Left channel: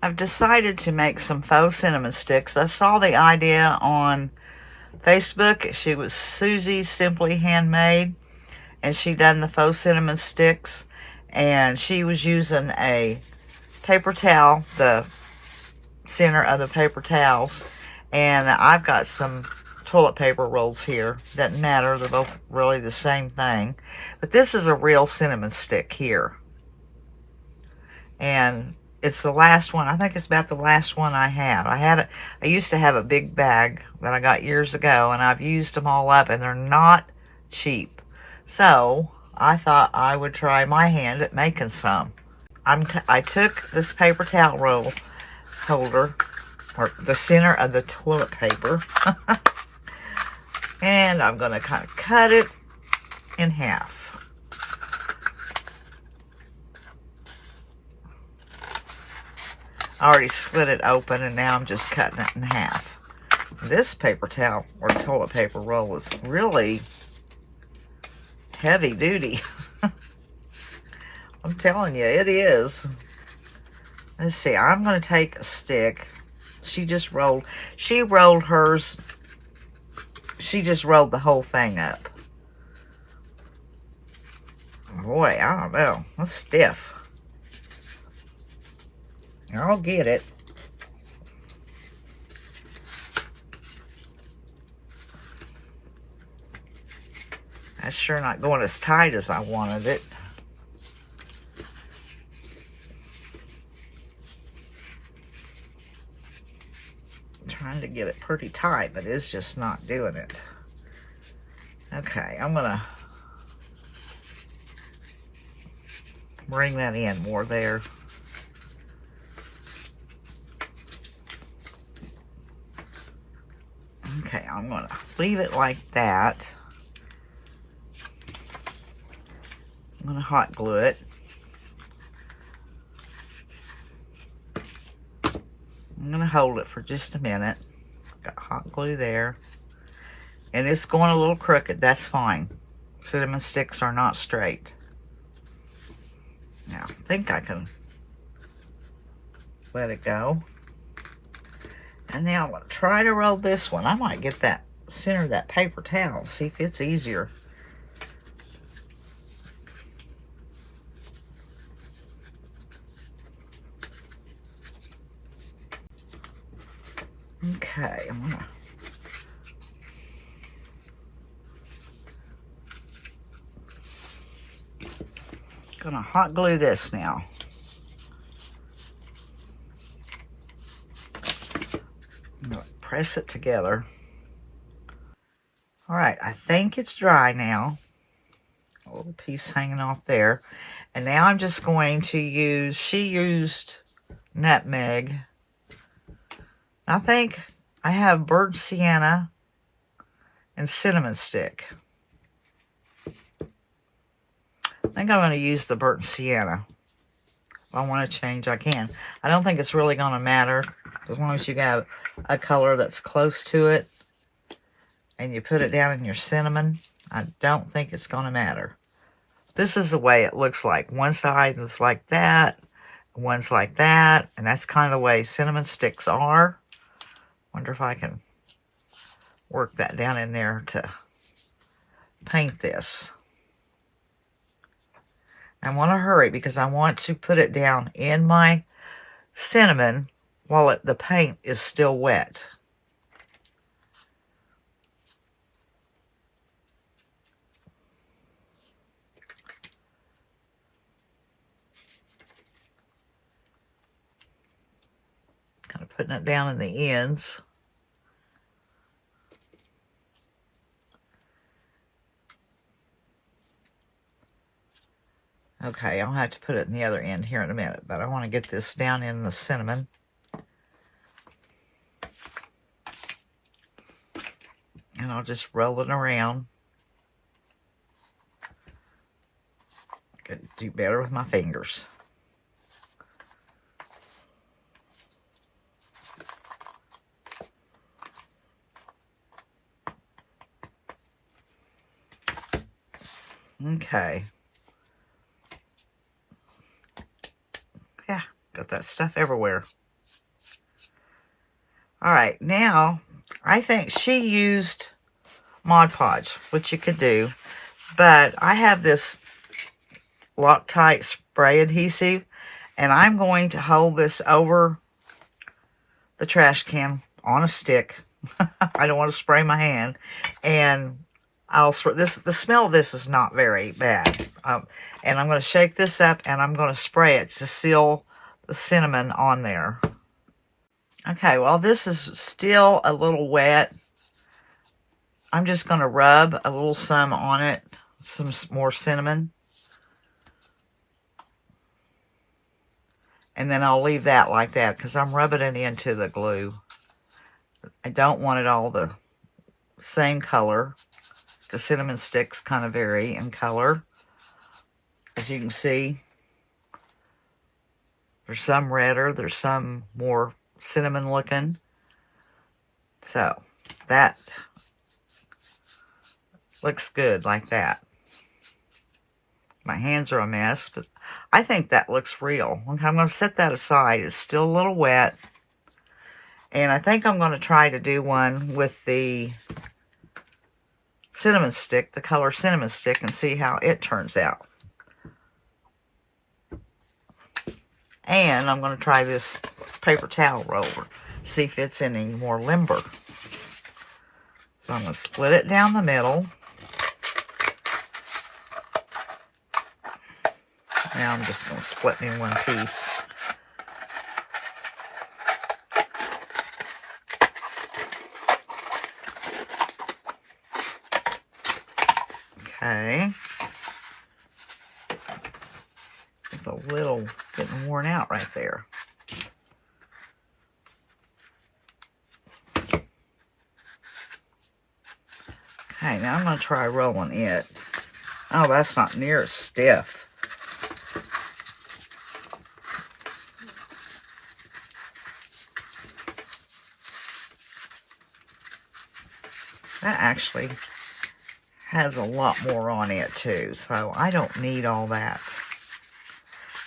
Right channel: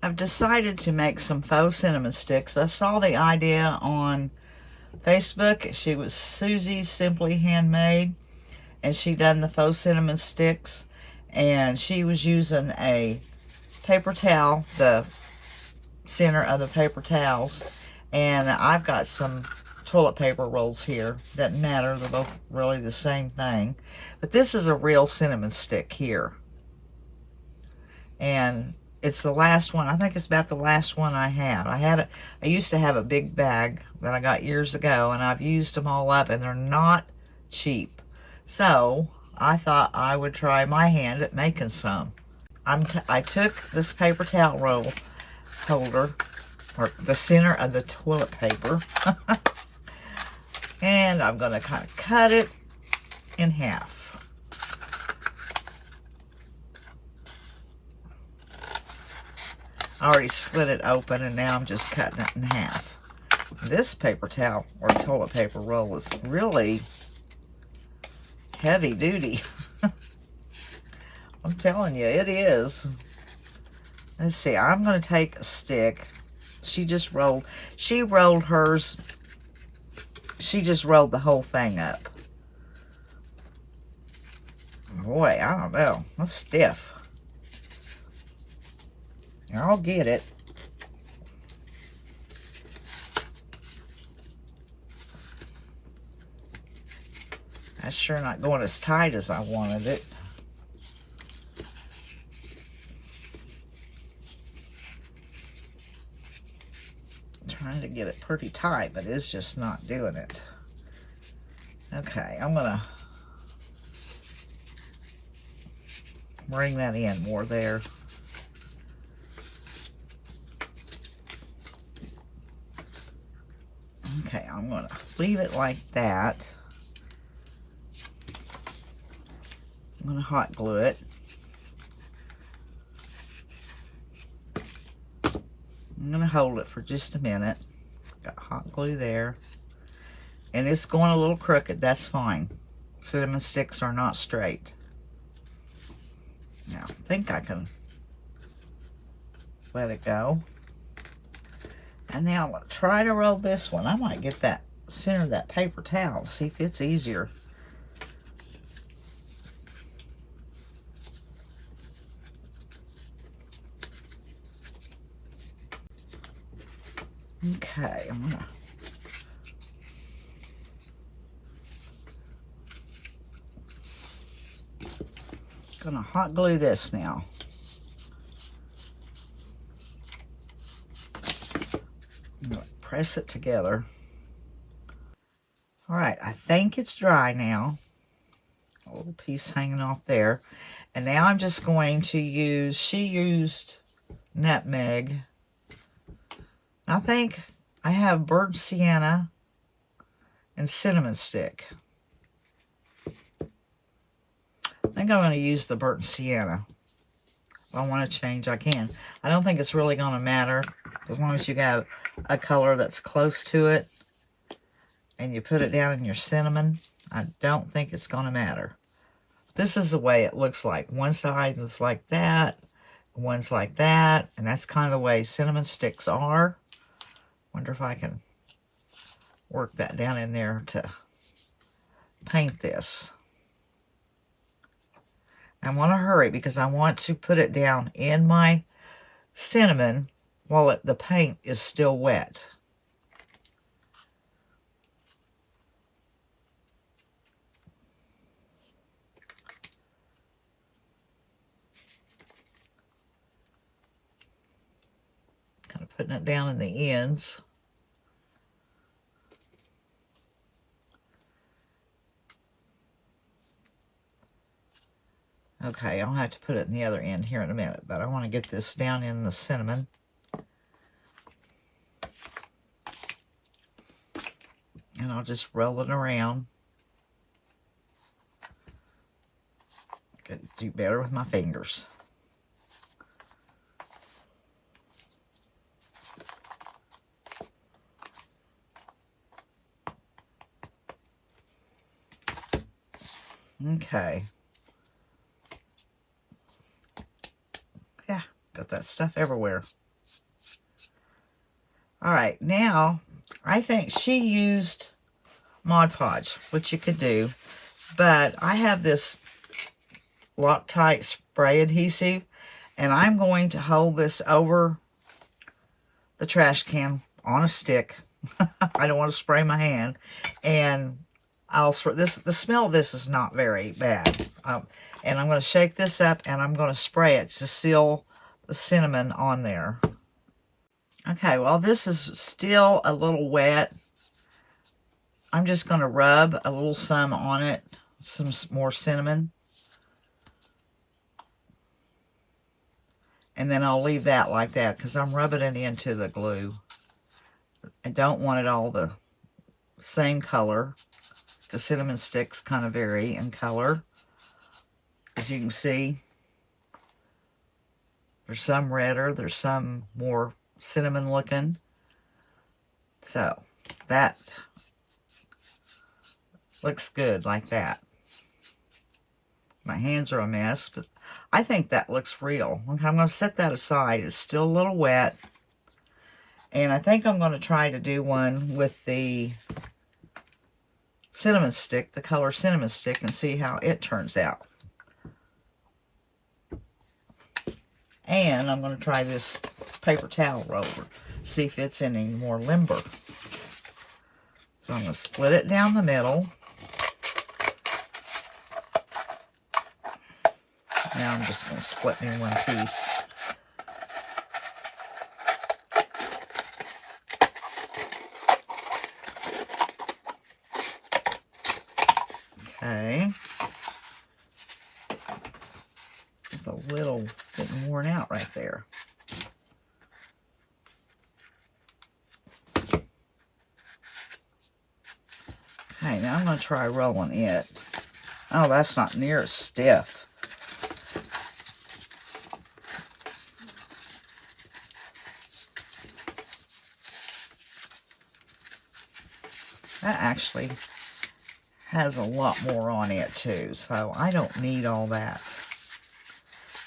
I've decided to make some faux cinnamon sticks. I saw the idea on Facebook. She was Susie Simply Handmade, and she done the faux cinnamon sticks, and she was using a paper towel, the center of the paper towels, and I've got some toilet paper rolls here. Doesn't matter, they're both really the same thing, but this is a real cinnamon stick here, and it's the last one. I think it's about the last one I have. I used to have a big bag that I got years ago, and I've used them all up, and they're not cheap. So I thought I would try my hand at making some. I took this paper towel roll holder, or the center of the toilet paper, and I'm going to kind of cut it in half. I already split it open, and now I'm just cutting it in half. This paper towel or toilet paper roll is really heavy duty. I'm telling you, it is. Let's see, I'm going to take a stick. She rolled hers. She just rolled the whole thing up. Boy, I don't know. That's stiff. I'll get it. That's sure not going as tight as I wanted it. I'm trying to get it pretty tight, but it's just not doing it. Okay, I'm gonna bring that in more there. Okay, I'm gonna leave it like that. I'm gonna hot glue it. I'm gonna hold it for just a minute. Got hot glue there. And it's going a little crooked, that's fine. Cinnamon sticks are not straight. Now, I think I can let it go. And now I'm going to try to roll this one. I might get that center of that paper towel, see if it's easier. Okay, I'm gonna hot glue this now. Press it together. All right, I think it's dry now. A little piece hanging off there. And now I'm just going to use, she used nutmeg. I think I have burnt sienna and cinnamon stick. I think I'm going to use the burnt sienna. If I want to change, I can. I don't think it's really going to matter. As long as you have a color that's close to it and you put it down in your cinnamon, I don't think it's going to matter. This is the way it looks like. One side is like that, one's like that, and that's kind of the way cinnamon sticks are. Wonder if I can work that down in there to paint this. I want to hurry because I want to put it down in my cinnamon while the paint is still wet. Kind of putting it down in the ends. Okay, I'll have to put it in the other end here in a minute, but I want to get this down in the cinnamon. And I'll just roll it around. I could do better with my fingers. Okay. Yeah, got that stuff everywhere. All right, now I think she used Mod Podge, which you could do, but I have this Loctite spray adhesive, and I'm going to hold this over the trash can on a stick. I don't want to spray my hand, and I'll spray this. The smell of this is not very bad, and I'm going to shake this up, and I'm going to spray it to seal the cinnamon on there. Okay, well, this is still a little wet. I'm just going to rub a little some on it, some more cinnamon. And then I'll leave that like that because I'm rubbing it into the glue. I don't want it all the same color. The cinnamon sticks kind of vary in color. As you can see, there's some redder, there's some more cinnamon looking. So that looks good like that. My hands are a mess, but I think that looks real. Okay, I'm going to set that aside. It's still a little wet. And I think I'm going to try to do one with the cinnamon stick, the color cinnamon stick, and see how it turns out. And I'm going to try this paper towel roller, see if it's any more limber. So I'm going to split it down the middle. Now I'm just going to split me in one piece. Okay. It's a little getting worn out right there. Okay, now I'm going to try rolling it. Oh, that's not near as stiff. That actually has a lot more on it too, so I don't need all that.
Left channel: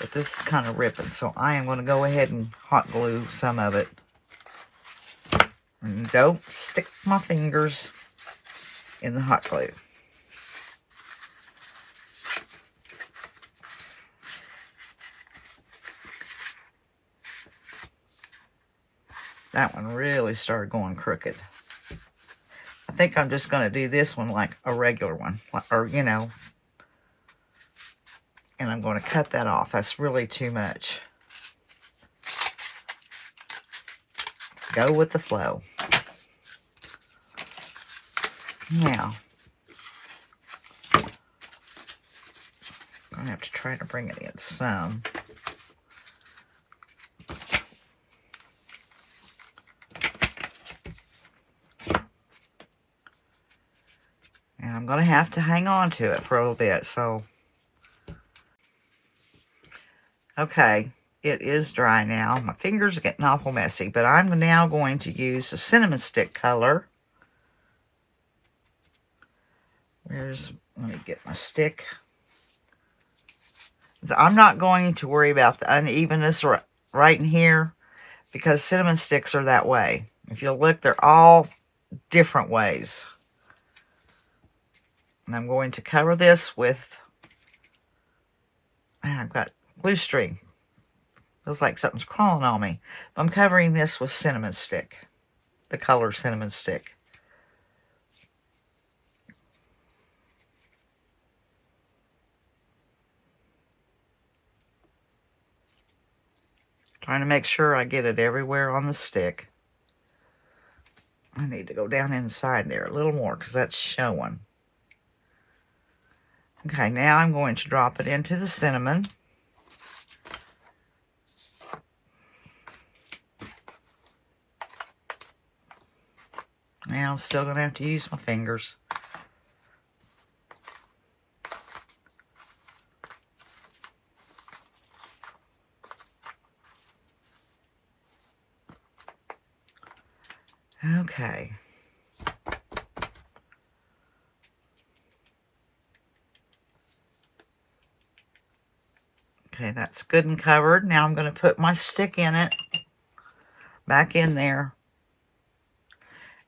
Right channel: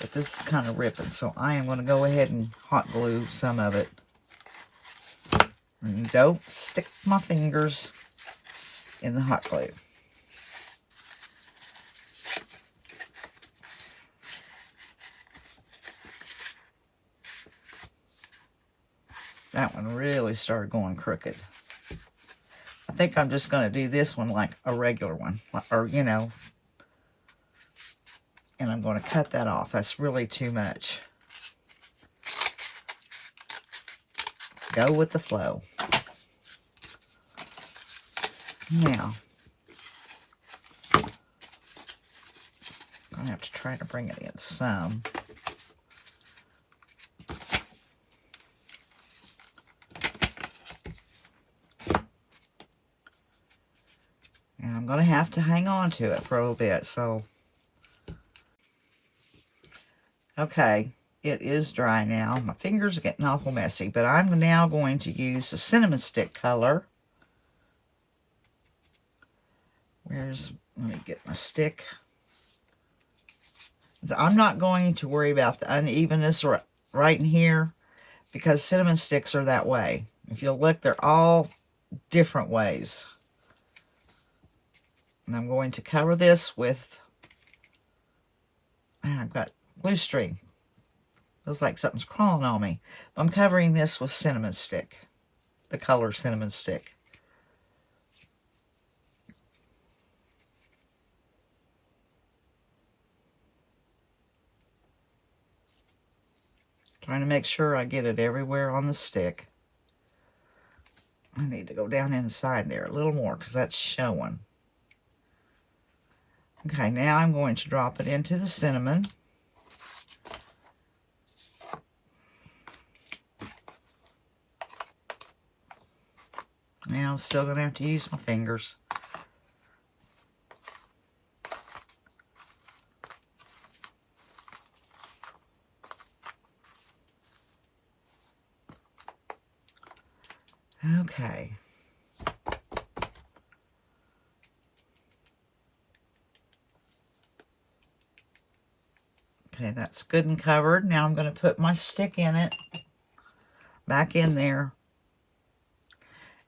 But this is kind of ripping, so I am going to go ahead and hot glue some of it. And don't stick my fingers in the hot glue. That one really started going crooked. I think I'm just going to do this one like a regular one, or, you know, and I'm going to cut that off. That's really too much. Go with the flow. Now, I'm going to have to try to bring it in some. And I'm going to have to hang on to it for a little bit, so. Okay, it is dry now. My fingers are getting awful messy, but I'm now going to use the cinnamon stick color. Let me get my stick. I'm not going to worry about the unevenness right in here because cinnamon sticks are that way. If you'll look, they're all different ways. And I'm going to cover this with, I've got glue string. Feels like something's crawling on me. But I'm covering this with cinnamon stick, the color cinnamon stick. Trying to make sure I get it everywhere on the stick. I need to go down inside there a little more because that's showing. Okay, now I'm going to drop it into the cinnamon. Now I'm still going to have to use my fingers. Okay. Okay, that's good and covered. Now I'm going to put my stick in it, back in there,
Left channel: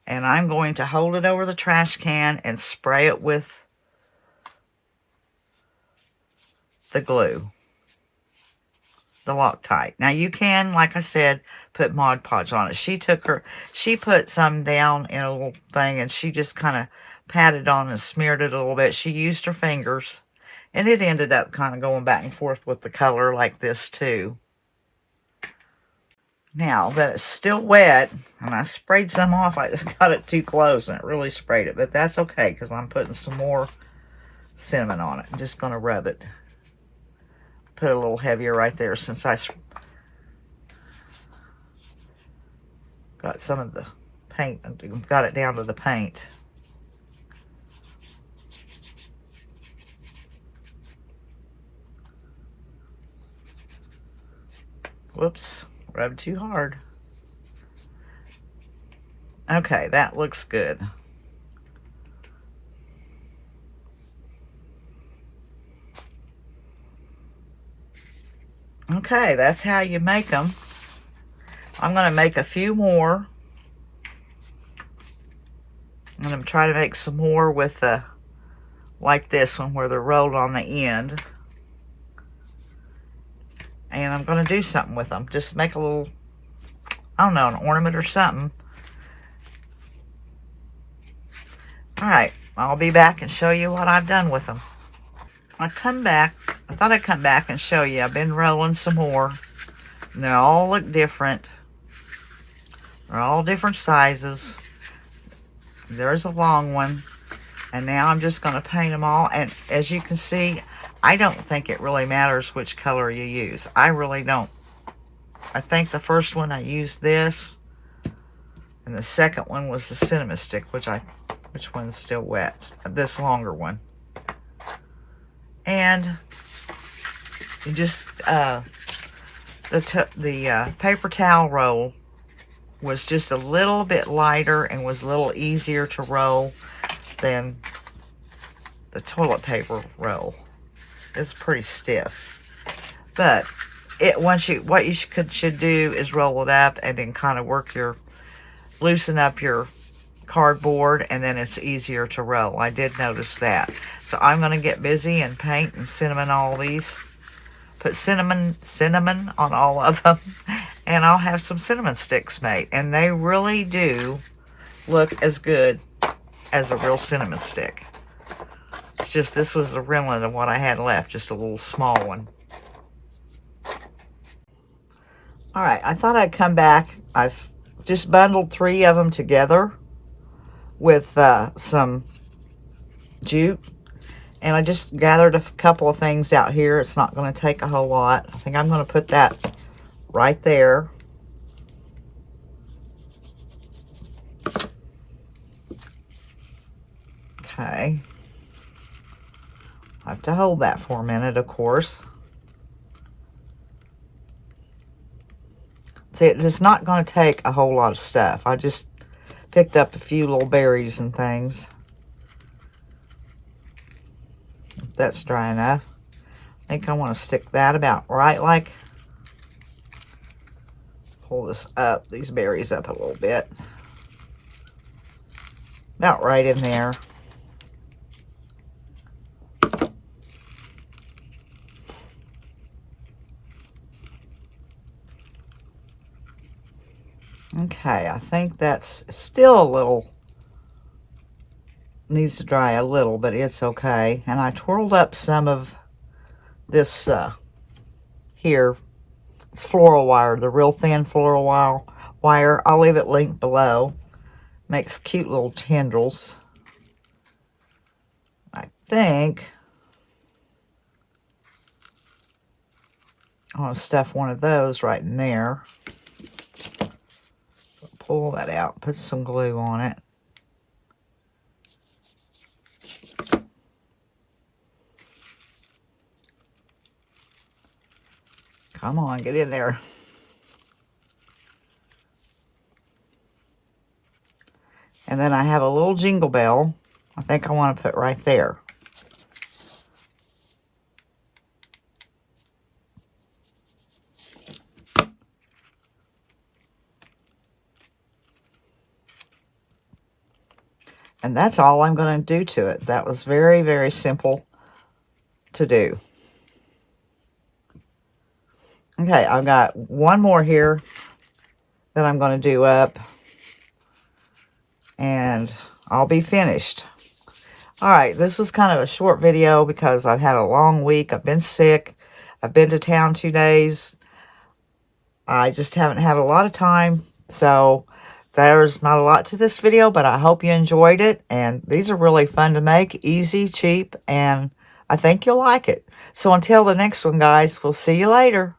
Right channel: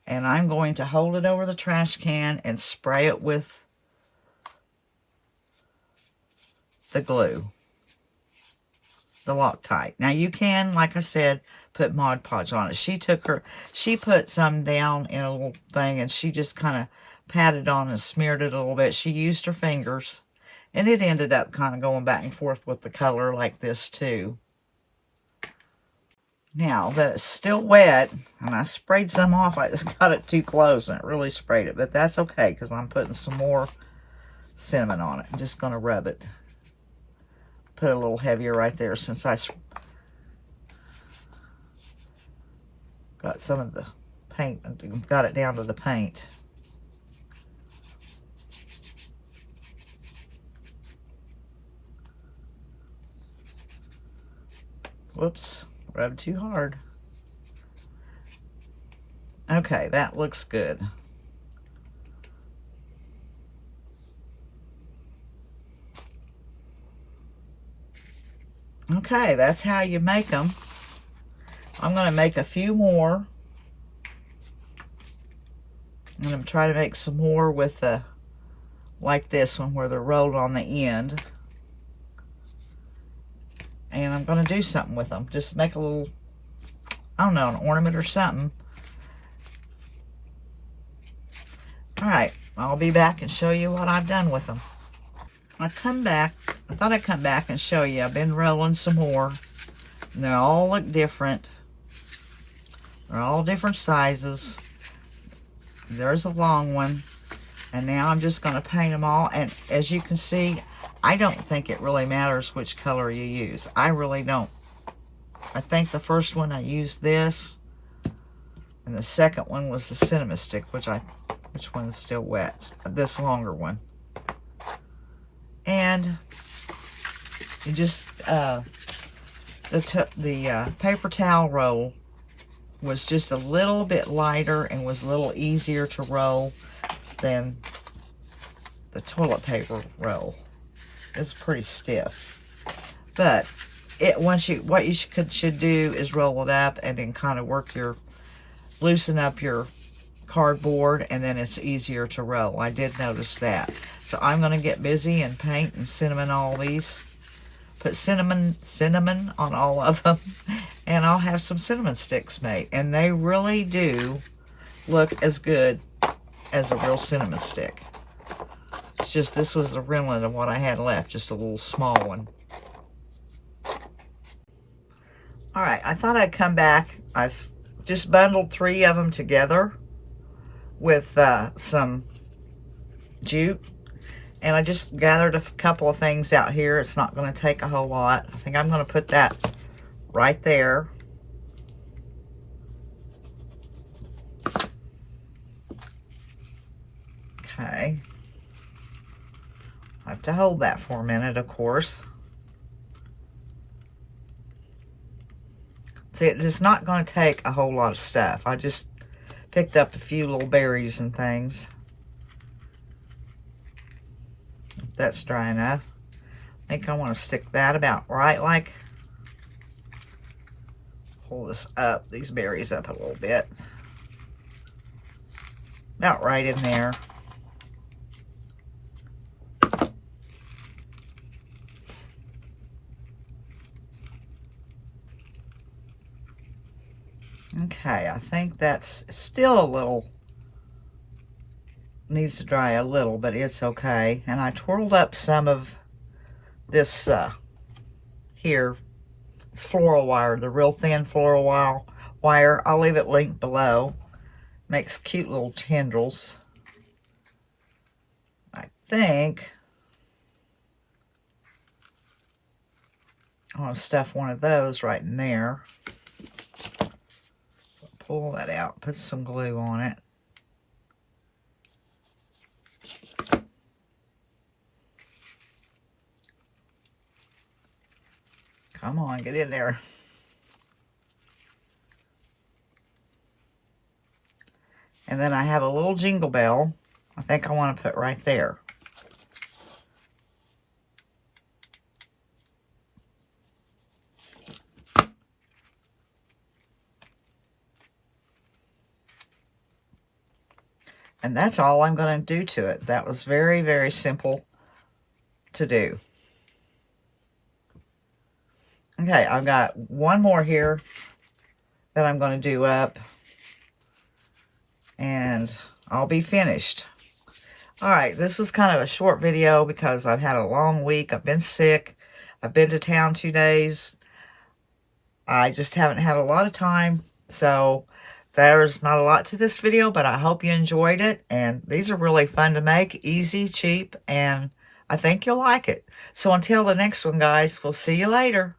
And I'm going to hold it over the trash can and spray it with the glue, the Loctite. Now you can, like I said, put Mod Podge on it. She put some down in a little thing and she just kind of patted on and smeared it a little bit. She used her fingers and it ended up kind of going back and forth with the color like this too. Now that it's still wet, and I sprayed some off, I just got it too close and it really sprayed it. But that's okay because I'm putting some more cinnamon on it. I'm just going to rub it. Put it a little heavier right there since I got some of the paint, got it down to the paint. Whoops, rubbed too hard. Okay, that looks good. Okay, that's how you make them. I'm going to make a few more. I'm going to try to make some more with the, like this one where they're rolled on the end. And I'm going to do something with them. Just make a little, I don't know, an ornament or something. Alright, I'll be back and show you what I've done with them. I thought I'd come back and show you. I've been rolling some more. And they all look different. They're all different sizes. There's a long one. And now I'm just going to paint them all. And as you can see, I don't think it really matters which color you use. I really don't. I think the first one I used this. And the second one was the cinnamon stick, which one's still wet. This longer one. And you just, the paper towel roll was just a little bit lighter and was a little easier to roll than the toilet paper roll. It's pretty stiff. But what you should do is roll it up and then kind of loosen up your cardboard, and then it's easier to roll. I did notice that. So I'm going to get busy and paint and cinnamon all these. Put cinnamon on all of them. And I'll have some cinnamon sticks made. And they really do look as good as a real cinnamon stick. It's just this was the remnant of what I had left. Just a little small one. Alright, I thought I'd come back. I've just bundled 3 of them together with some jute. And I just gathered a couple of things out here. It's not going to take a whole lot. I think I'm going to put that right there. Okay. I have to hold that for a minute, of course. See, it's not going to take a whole lot of stuff. I just picked up a few little berries and things. If that's dry enough. I think I want to stick that about right, like, pull this up, these berries up a little bit. About right in there. Okay, I think that's still a little, needs to dry a little, but it's okay. And I twirled up some of this here. It's floral wire, the real thin floral wire. I'll leave it linked below. Makes cute little tendrils. I think I want to stuff one of those right in there. So pull that out, put some glue on it. Come on, get in there. And then I have a little jingle bell. I think I want to put right there. And that's all I'm going to do to it. That was very, very simple to do. Okay, I've got one more here that I'm going to do up. And I'll be finished. Alright, this was kind of a short video because I've had a long week. I've been sick. I've been to town 2 days. I just haven't had a lot of time. So, there's not a lot to this video, but I hope you enjoyed it. And these are really fun to make. Easy, cheap, and I think you'll like it. So, until the next one, guys, we'll see you later.